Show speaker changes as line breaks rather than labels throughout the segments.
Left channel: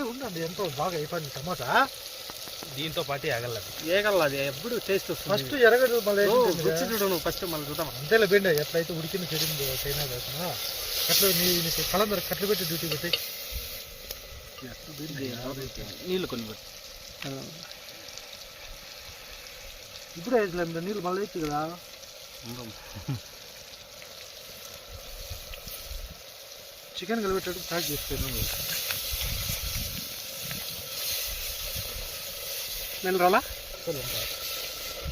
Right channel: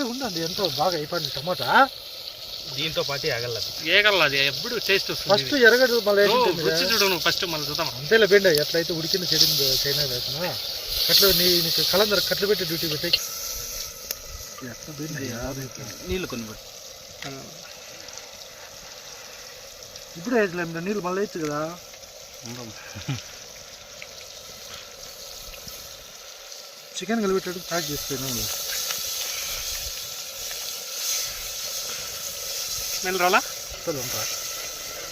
ఏముండండి ఎంతో బాగా అయిపోయింది టమోటా.
దీంతో పాటు
ఎగలదు ఏగలది ఎప్పుడు టేస్ట్ వస్తుంది
ఫస్ట్ ఎరగదు మళ్ళీ
చూడను ఫస్ట్ మళ్ళీ చూద్దాం.
అంతేలా బెండ ఎట్లయితే ఉడికిన చెడింది చైనా కాకుండా కట్లు నీ నీకు కలందరు కట్లు పెట్టి డ్యూటీ పెట్టి
నీళ్ళు కొన్ని
ఇప్పుడే వేసలేము నీళ్ళు మళ్ళీ వేయచ్చు కదా. చికెన్ కలిపెట్టాడు ప్యాక్ చేసుకోండి
నిలరాలా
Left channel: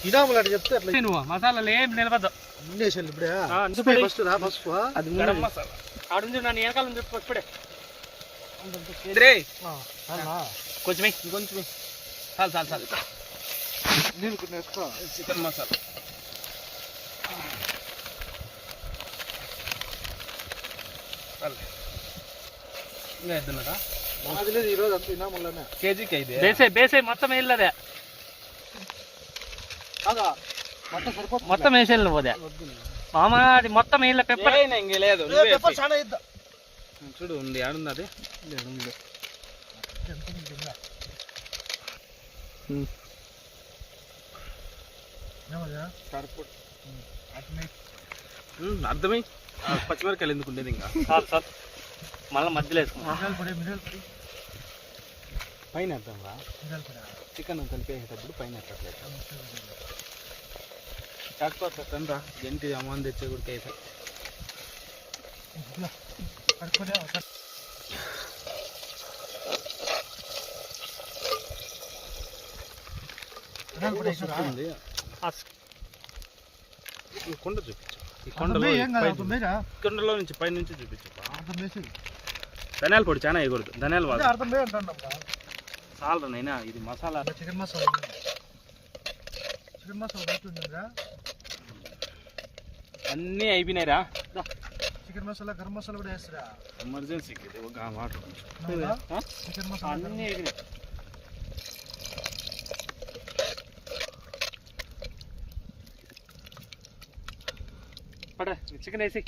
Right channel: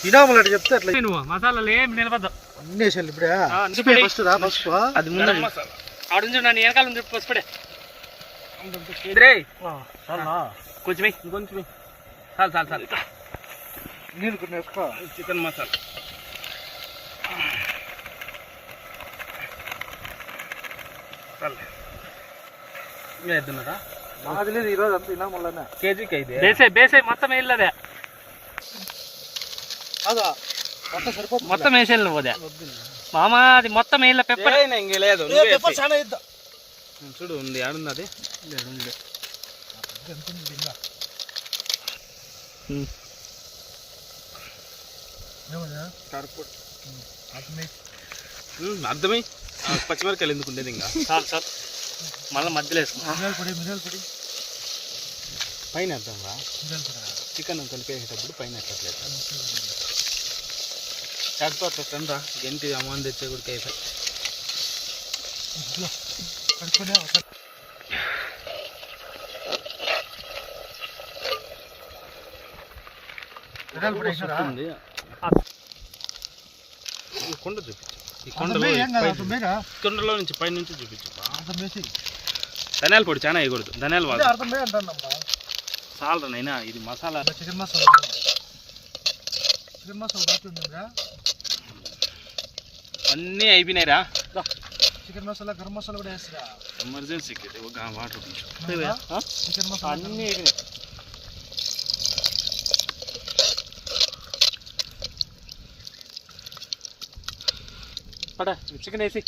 ఇడాములు అట్లా చెప్తే అట్లా
నువ్వు మసాలాలు ఏం నిలబద్దు
అన్నీ వేసాను ఇప్పుడే. ఫస్ట్ రా పసుపు
అది ముందు.
మసాలా. ఆడుంచు నన్ను వెనకాల నుంచి పసిపడే
చాలునా?
కొంచెం వెయ్యి.
కొంచెం చాలు చాలు చాలు.
నీళ్ళు కొన్ని ఎక్కువ
చికెన్ మసాలా. చాలు ఇంకా ఎద్దున్నారా?
నాది లేదు ఈరోజు అంత ఇనాములనే
కేజీకి ఐదు
బేసే బేసే మొత్తం వేయలేదే.
అదా మొత్తం సరిపోతుంది?
మొత్తం వేసేయాలి నువ్వు అదే. మామ అది మొత్తం వేయాలి పెప్పర్
ఇంక లేదు
ఏ, పెప్పర్ చాలా ఇద్దా
చూడు ఉంది ఆడుంది అది? అర్థమై పచ్చిమిరకాయలు ఎందుకు ఉండేది ఇంకా?
చాలు సార్. మళ్ళీ మధ్యలో వేసుకున్నా
పైన వేద్దాం రా. చికెన్ కలిపేసేటప్పుడు పైన ఎక్కట్లేదు చాటుతో అట్లా అమ్మాన్ తెచ్చే కూడా అయిపోయి. ఉంది ఈ కొండ చూపించు. ఈ కొండలో కొండలో నుంచి పై నుంచి చూపించు. ధనియాల పొడి చాలా వేయకూడదు. ధనియాల వాడు చాలరా నైనా ఇది మసాలా.
చికెన్ మసాలా చికెన్ మసాలా
అన్నీ అయిపోయినాయిరా.
చికెన్ మసాలా గరం మసాలా కూడా వేస్తారా?
ఎమర్జెన్సీకి ఇది ఒక వాటర్.
చికెన్ మసాలా
అన్నీ ఎగిరి పడ చికెన్ వేసి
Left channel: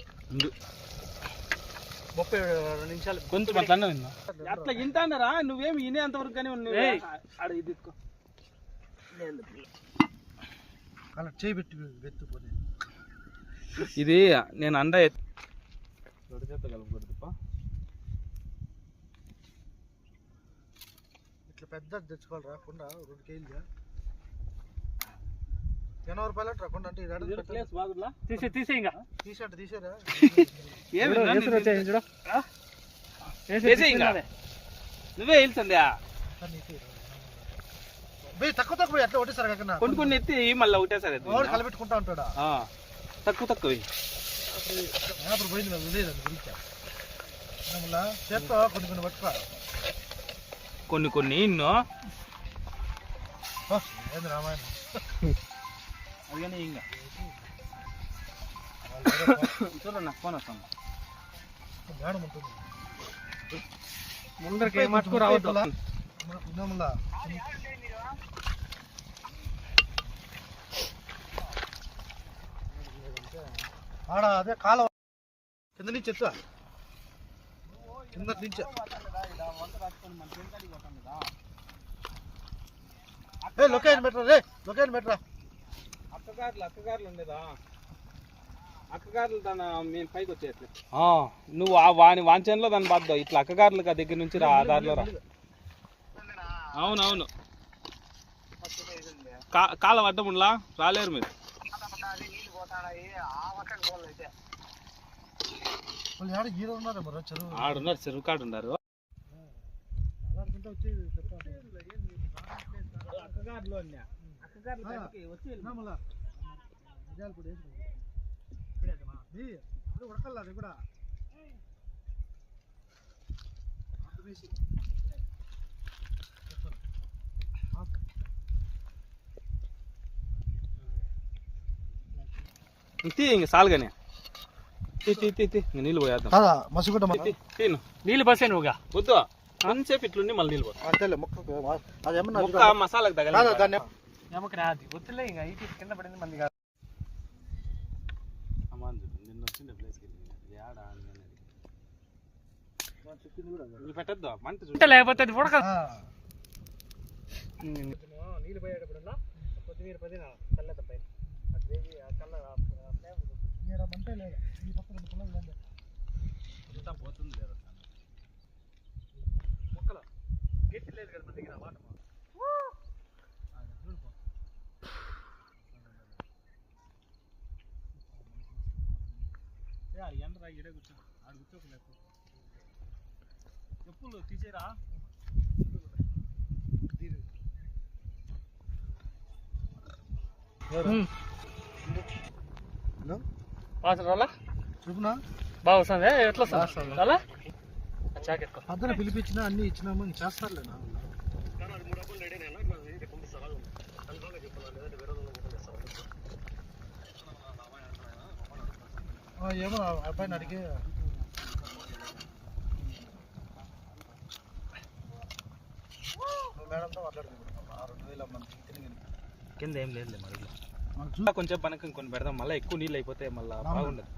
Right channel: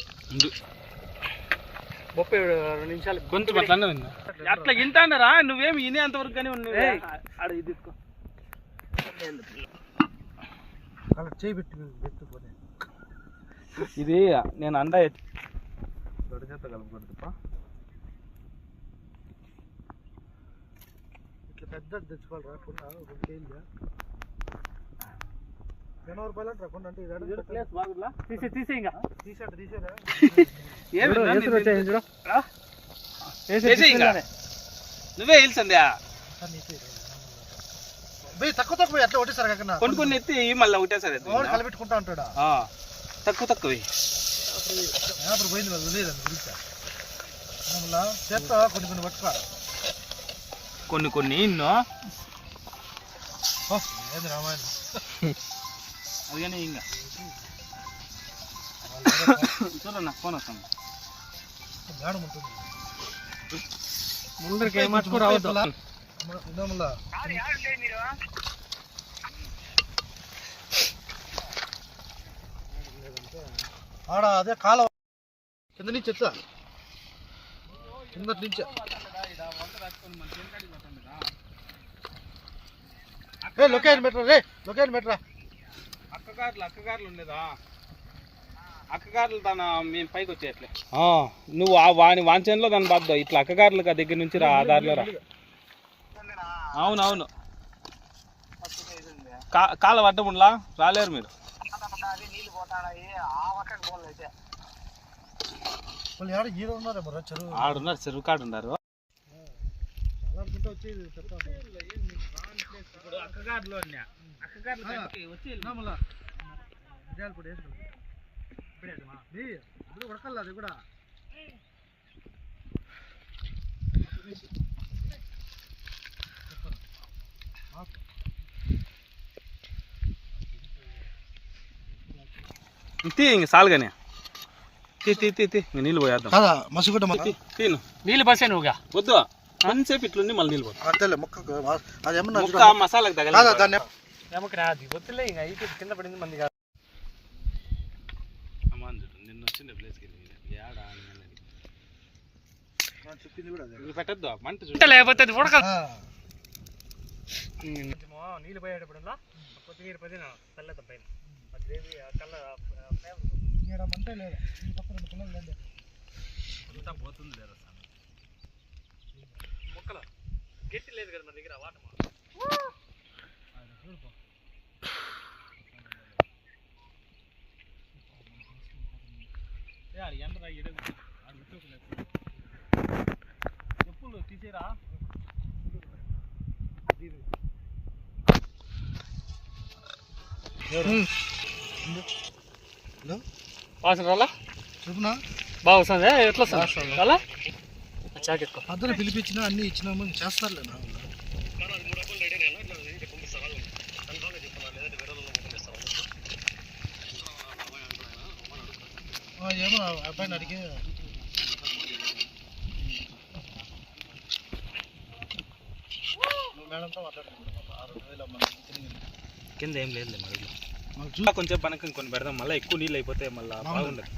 ముప్పై రెండు నిమిషాలు
కొంచెం అట్లనే ఉంది. అట్లా వింటానరా నువ్వేమి వినేంత వరకు కానీ
ఏయ్.
ఆడ ఇది ఎత్తుకో.
అలా చేయి పెట్టి
ఇది నేను దొడ్డ చేత కలపకూడదు పా.
ఇట్లా పెద్ద తెచ్చుకోవాలిరా కొండ రెండు కేజీలు ఎనభై రూపాయలు అంటారా అంటే
తీసే తీసే ఇంకా.
తీసంటే తీసేరా.
నువ్వే
బే తక్కువ తక్కువ ఎట్లా ఒకటేసారి కాకుండా
కొన్ని కొన్ని ఎత్తి మళ్ళీ ఒకటేసారి.
వాడు కలపెట్టుకుంటా ఉంటాడా?
ఆ, తక్కువ తక్కువ
పోయింది వాళ్ళు లేదు దాని గురించి మళ్ళా చేత్తో కొన్ని కొన్ని పట్టుకో.
కొన్ని కొన్ని ఇన్నో?
ఏంది రామాయణం?
అది కానీ ఇంకా. చూడ నాకు ఫోన్ వస్తాను
మేడం ఉంటుంది
ముందుకు రావద్దు.
ఇదేములా? ఆడ అదే కాలం. కింద నుంచి ఎత్తా. కింద నుంచి. లొకేషన్ పెట్టరా రే లొకేషన్ పెట్టరా.
అక్కగారులు అక్కగారులు ఉండేదా? అక్కగారులు తన మేము పైకి వచ్చేయట్లే. నువ్వు ఆ వాని వాంఛన్లో దాని బాద్దావు ఇట్లా అక్కగారులు దగ్గర నుంచి రా ఆధార్లో రా. అవునవును. కా కాల అడ్డముండ్లా రాలేరు మీరు. ఆడున్నారు చెరువు కాడు ఉన్నారు. అక్కగారులో
మళ్ళా మిరియాల పొడి వేసుకో ఇది ఇప్పుడు ఉడకాలి అది కూడా.
తీ ఇంక సాలుగానే. తీ తీ తీ తీ ఇంక నీళ్ళు పోయేద్దాం.
కాదా మసిగుడ్డ
తీ, తీను
నీళ్ళు బసే నువ్వుగా?
వద్దు కొంచెంసేపు ఇట్లుండి మళ్ళీ నీళ్ళు పోతాం.
అంతేలే
ముక్క మసాలాకు
దాన్ని
ఎమకు రాదు వద్దులే ఇంకా అయితే కింద పడింది మంది కాదు
అమ్మాన్ చూడు నిన్న వచ్చిండే ప్లేస్కి ఏడా
అదే.
ఇది పెట్టద్దు? మంట చూడు.
లేకపోతే అది ఉడక నీళ్ళు పోయేటప్పుడల్లా కొద్దిగా పదిన చల్లేద్దాం పైన. ఆ గ్రేవీ ఆ కలర్ ఫ్లేవర్
మంటే లేదు. ఈ పక్క రెండు పిల్లలు లేదు
అంతా పోతుంది లేదా
ముక్కలు. గట్టి లేదు కదా మన దగ్గర వాటర్
ఎండ చెప్పులు తీసేరా?
హలో?
వాసన రాలా
చెప్పునా?
బాగా వస్తుంది. ఎట్లా వస్తుంది? రాలా జాకెట్
పొద్దున పిలిపించినా అన్ని ఇచ్చినాము చేస్తారులే నా వాళ్ళు. ఆ, ఏమో ఆ అబ్బాయిని అడిగి మేడంతో మాట్లాడుతున్నాం ఆరు వేల మంది తిరిగింది.
కింద ఏం లేదు మరి
మనకు చూ
ఇంకా కొంచెం పనకం కొన్ని పెడదాం మళ్ళీ ఎక్కువ నీళ్ళు అయిపోతే మళ్ళీ బాగుండదు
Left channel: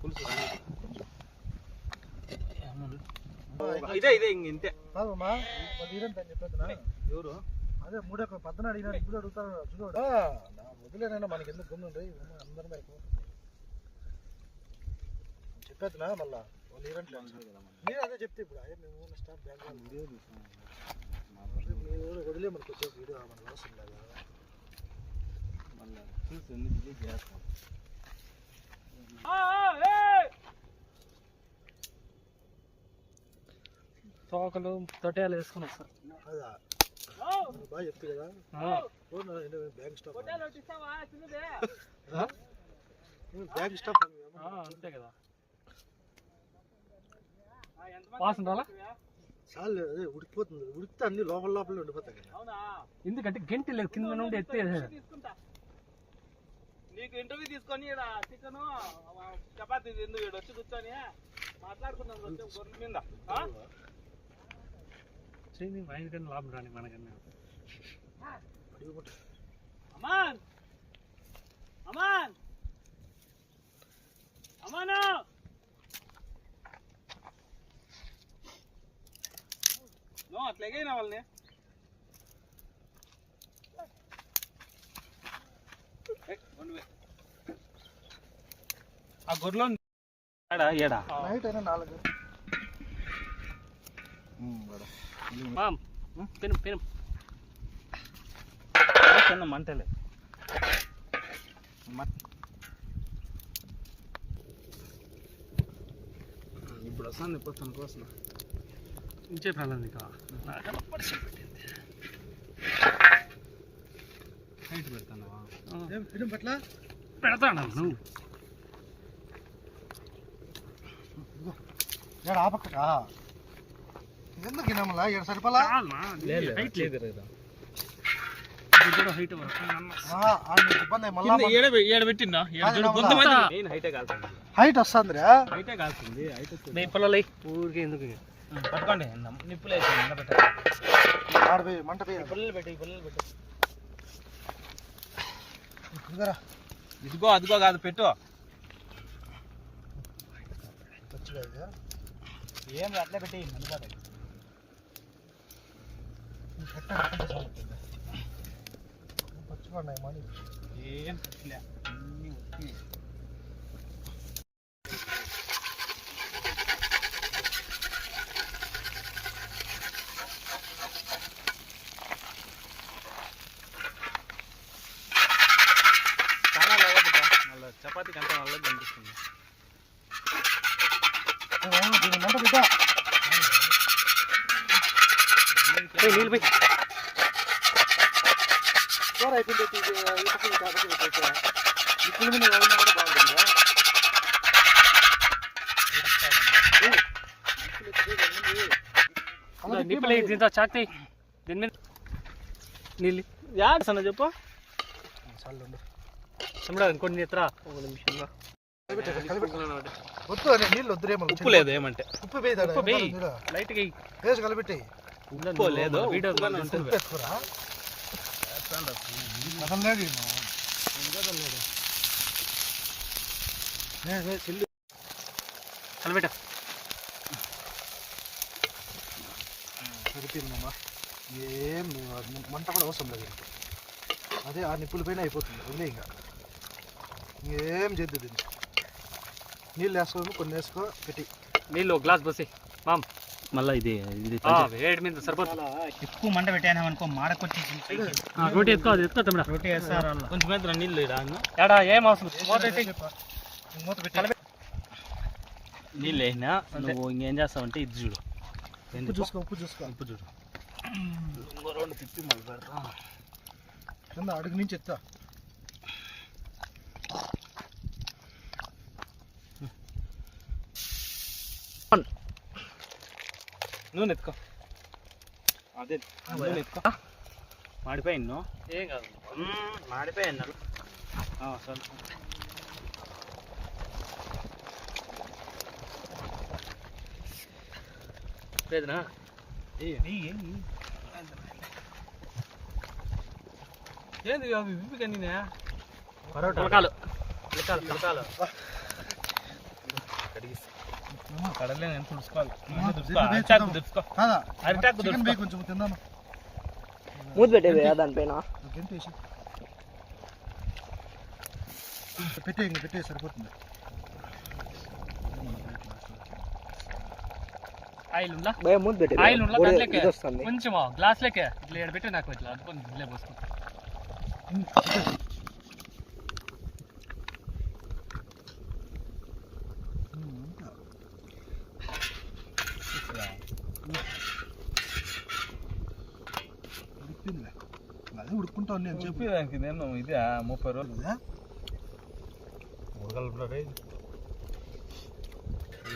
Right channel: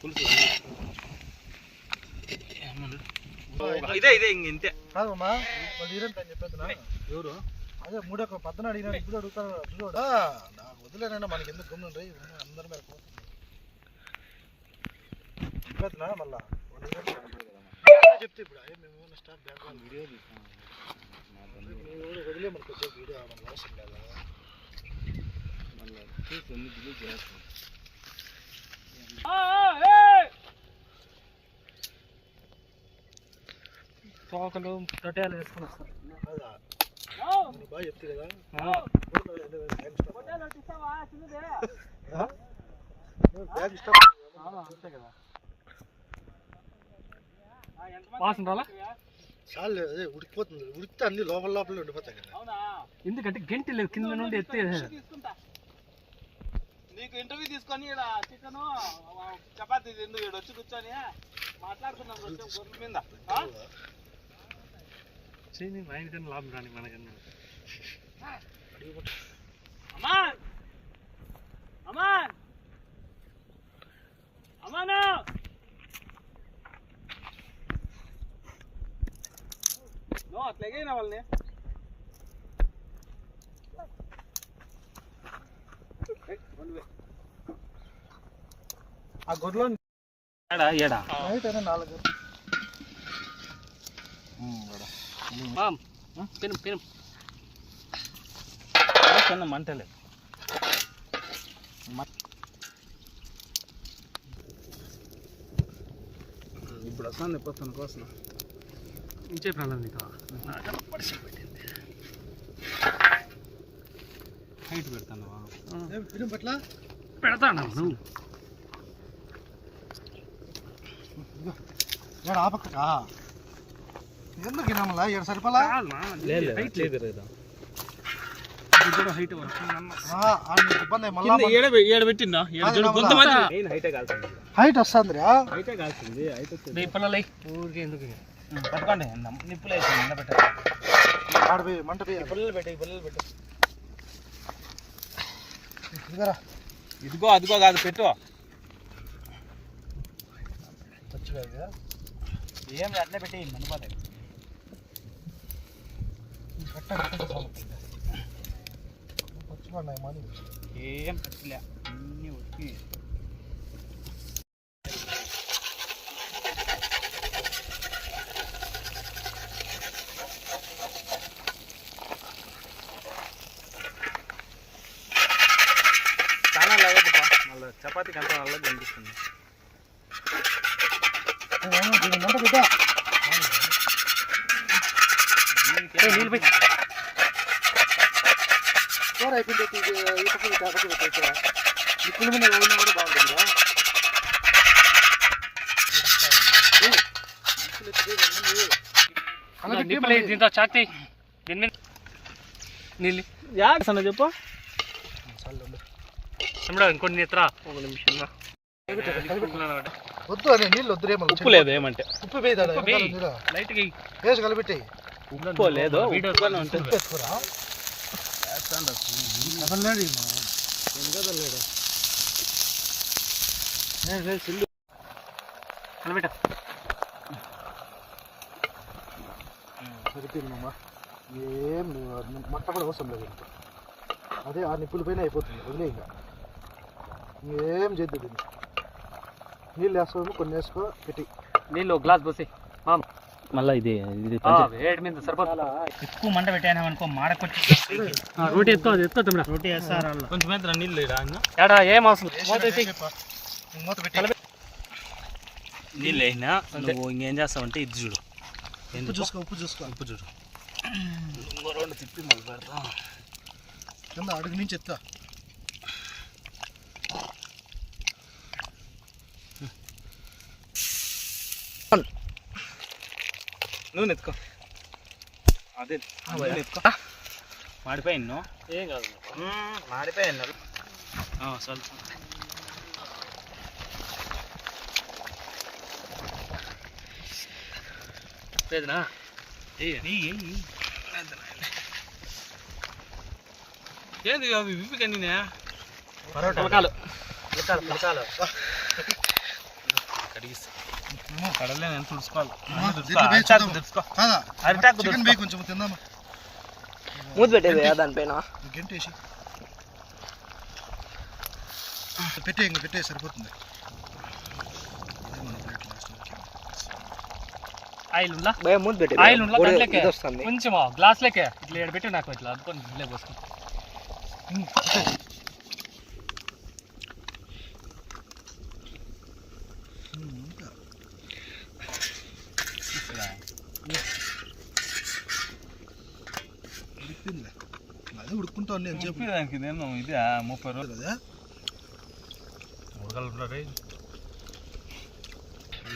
పులుసు ఇదే ఇదే ఇంక ఇంతే.
కాదమ్మా వాళ్ళు ఈరంత అని చెప్పేది
ఎవరు?
అదే మూడే పద్దన అడిగినా ఇప్పుడు అడుగుతారు చూడు నాకు వదిలేనైనా మనకి ఎందుకు గమ్ముండ్రి అందరి చెప్పేదినా మళ్ళా? చెప్తే ఇప్పుడు అయ్యే మేము స్టాఫ్ బ్యాక్ వీడియో వదిలే మనకు వచ్చే వీడియో మనకు అవసరం లేదు?
తోకలు తొట్టాలు వేసుకుని వస్తారు
కదా నువ్వు బాగా చెప్తే కదా? బ్యాగ్ స్టాఫ్
అంతే కదా. వాసన రాలా?
చాలు అదే ఉడికిపోతుంది. ఉడికితే అన్ని లోపల లోపలే ఉండిపోతాయి కదా.
ఎందుకంటే గంటి లేదు కింద నుండి ఎత్తే
నీకు ఇంటర్వ్యూ తీసుకొని ఇక్కడ చికెన్ చపాతీ ఎందుకు ఇక్కడ వచ్చి కూర్చొని మాట్లాడుకున్నాం కొంచెం గొర్రెల మీద.
చేయి మా ఇంటికన్నా లాభం రాని మనకన్నా.
అమాన్ అమాన్ నో అట్లాగైనా వాళ్ళని ఆ గొర్రెలో ఏడా ఏడా
నాలుగు
మామ్ పెను పెను
చిన్న మంటలే ఇప్పుడు వస్తుంది పోతాను కోసం
ఇంచే ప్రాణం నీకు
హైట్ పెడతాను
పట్ల.
పెడతాను నువ్వు?
ఏడు ఆపక్క ఎందుకు తినమలా ఏడు సరిపలా?
హైట్ లేదు. కూడా హైట్
ఇబ్బంది మళ్ళా
హైటే
హైట్ వస్తుందిరా?
హైటే కాల్సింది హైట్
నేను పిల్లలు ఊరికే ఎందుకు?
పట్టుకోండి. నిప్పులు వేసి ఎండబెట్టాలి
ఆడిపోయి మంట
పిల్లలు పెట్టి పిల్లలు పెట్టి.
ఇదిగరా.
ఇదిగో అదిగో కాదు పెట్టు. ఏం అట్లే పెట్టి మండిపోతాయి
పచ్చిపడినాయి మనీ
ఏం పెట్టలే అన్నీ వచ్చి
కూర అయిపోయింది ఇది ఈ పక్క ఈ పక్క పెట్టేసా పులి మీద ఎవరిని కూడా
వేయి, దీంతో చాక్తి దీని మీద నీళ్ళు
యాడ్ చెప్పు
తమ్ముడు ఇంకొన్ని ఒక నిమిషం
వద్దు అనే నీళ్ళు వద్దురే
ఉప్పు లేదు ఏమంటే
ఉప్పు వేసి కలిపెట్టి
ఉప్పు లేదు
కలిపెట్ట
సరిపోయిందమ్మా ఏం మంట కూడా అవసరం లేదు ఇంకా అదే ఆ నిప్పుల పైన అయిపోతుంది. వదిలే ఇంకా. ఇంకేం చేద్దు దీన్ని. నీళ్ళు వేసుకో కొన్ని వేసుకో పెట్టి.
నీళ్ళు గ్లాస్ పోసి. మామ్.
మళ్ళీ ఇది ఇది
వేడి మీద సరిపోతుంది
ఎక్కువ మంట పెట్టాను అనుకో మాడకొచ్చి
రోటీ ఎత్తుకో అది ఎత్తుకో తమ్ముడు.
రోటీ వేస్తారు వాళ్ళు.
కొంచెం ఎదురా నీళ్ళు
ఏడా ఏం అవసరం? మూత
పెట్టి.
నీళ్ళు వేసినా నువ్వు ఇంకేం చేస్తావంటే ఇది చూడు. ఎందుకు?
చూసుకో ఉప్పు చూసుకో.
ఉప్పు చూడు. రెండు తిప్పి మళ్ళీ పెడతా.
కింద అడుగు నుంచి ఎత్తా.
నూనె ఎత్తుకో అదే నూనె ఎత్తుకో. మాడిపోయింది
ఏం కాదు.
మాడిపోయింది సరే.
లేదునా?
ఏంది అవి విప్పి కండినా
పులకాలు. పులకాలు. పులకాలు
కడలే నేను తుడుచుకోవాలి. అరిటాకు
చికెన్ వేయి కొంచెం తిందామా
మూత పెట్టేది దానిపైన
గంటేసి పెట్టే ఇంక పెట్టే సరిపోతుంది.
ఆయిల్ ఉందా?
భయ మూత పెట్టి
ఆయిల్ ఉందా? దాంట్లోకే కొంచెం గ్లాస్ లెక్కే ఇట్లా ఈడ పెట్టి నాకు ఇట్లా ఇట్లే పోసుకుంటా
ఇంక పెట్టే. ఉమ్, ఇంకా. ఉడికిందిలే అది ఉడుకుంటా ఉంది అని చెప్పి.
దానికి నేను ఇదే ముప్పై రోజులు.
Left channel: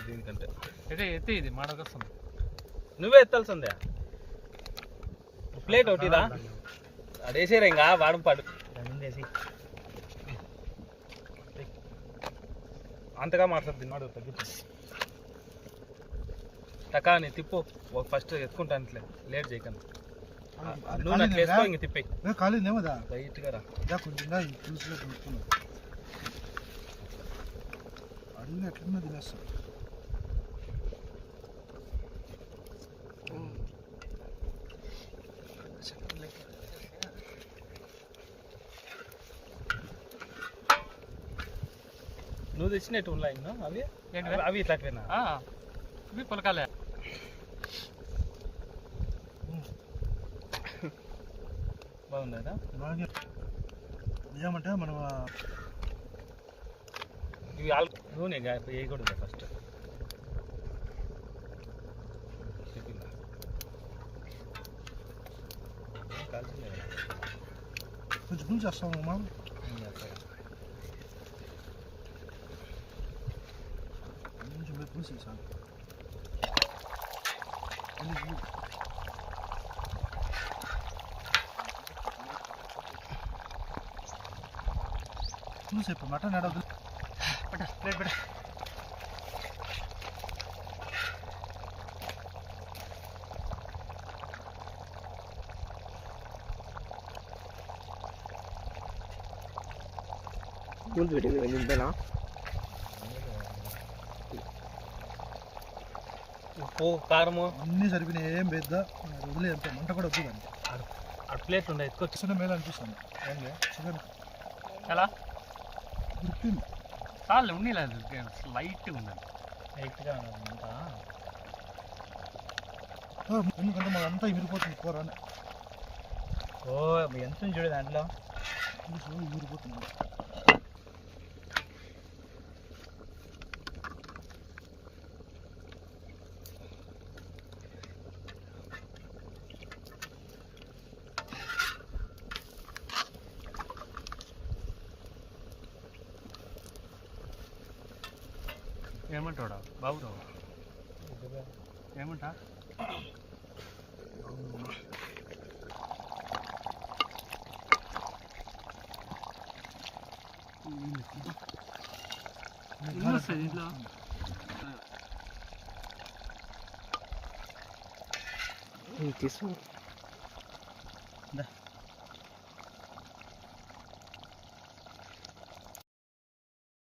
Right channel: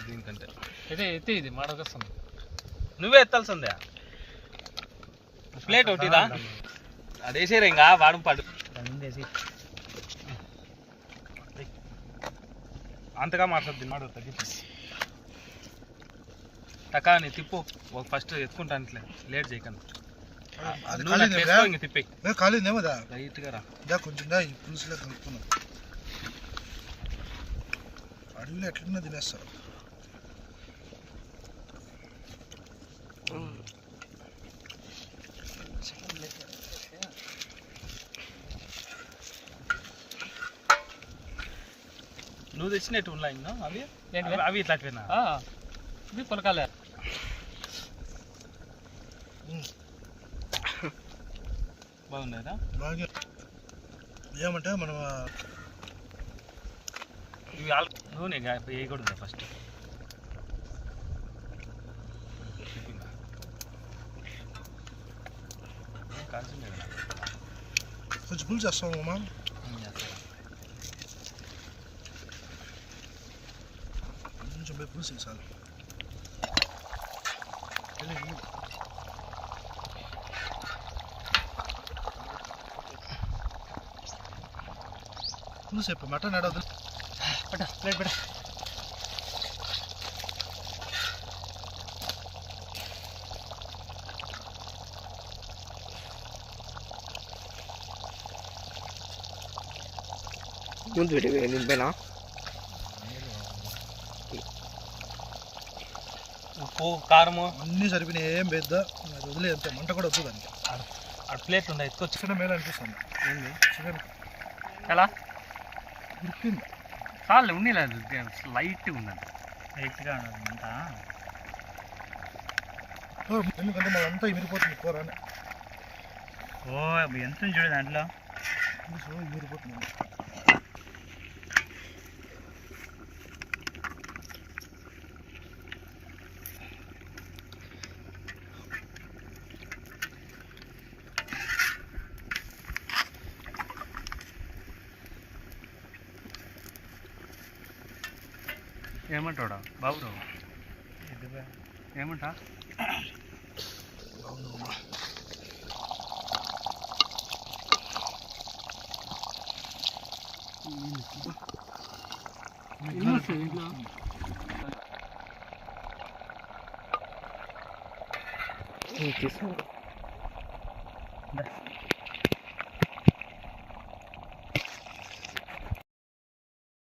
దీనికంటే.
ఇది ఎత్తి ఇది మాడకొస్తుంది
నువ్వే ఎత్తాల్సిందే ప్లేట్ ఒకటిదా అదేసారు ఇంకా వాడం పాడు అంతగా మాట్లాడుతుంది మాడు తగ్గించు టకాని తిప్పు ఒక ఫస్ట్ ఎత్తుకుంటాను ఇట్లే లేట్ చేయకండి.
కాలిందేమో దా
లైట్గా రా
దా కొంచెం దా ఈ పులుసులో కలుపుకున్నాం అడవిలో ఎట్లన్నా తినేస్తారు
నువ్వు తెచ్చినట్టు ఉన్నాయి ఇంకా అవి
ఏంటివి?
అవి- అవి ఇట్లాంటివేనా
ఆ, ఇది పులకాలే
బాగున్నారా
బాగా ఏమంటే మనం ఆ,
ఇవి ఆల్ నూనె గా- వేయకూడదు ఫస్ట్ కాల్చిందే కదా
కొంచెం పులుసు చేస్తాం అమ్మా
ఏం చేస్తారా?
కొంచెం పోయి పులుసు వేసాలి వెళ్ళి, వెళ్ళి. పులుసు చెప్పు మటన్ ఎడదు
పట్ట ప్లేట్ పట్ట
మూత పెట్టి దీనిపైన
ఉప్పు కారము
అన్నీ సరిపోయినాయి ఏం పెద్ద వదిలే అంత మంట కూడా వద్దు దానికి
అటు ప్లేట్ ఉందా ఎత్తుకొచ్చు
చికెన్ మేలు అనిపిస్తుంది
ఏంది
చికెన్
ఎలా
ఉడికింది
చాలు ఉండలేదు లైట్ ఉందండి
లైట్గా అంతా.
ఓ, ఎందుకంటే మాది అంతా ఇమిరిపోతుంది కూర
ఓ ఎంత చూడు దాంట్లో?
పులుసు
ఏమంటాడా బాబు ఏమంటా?
తీసుకో
దా.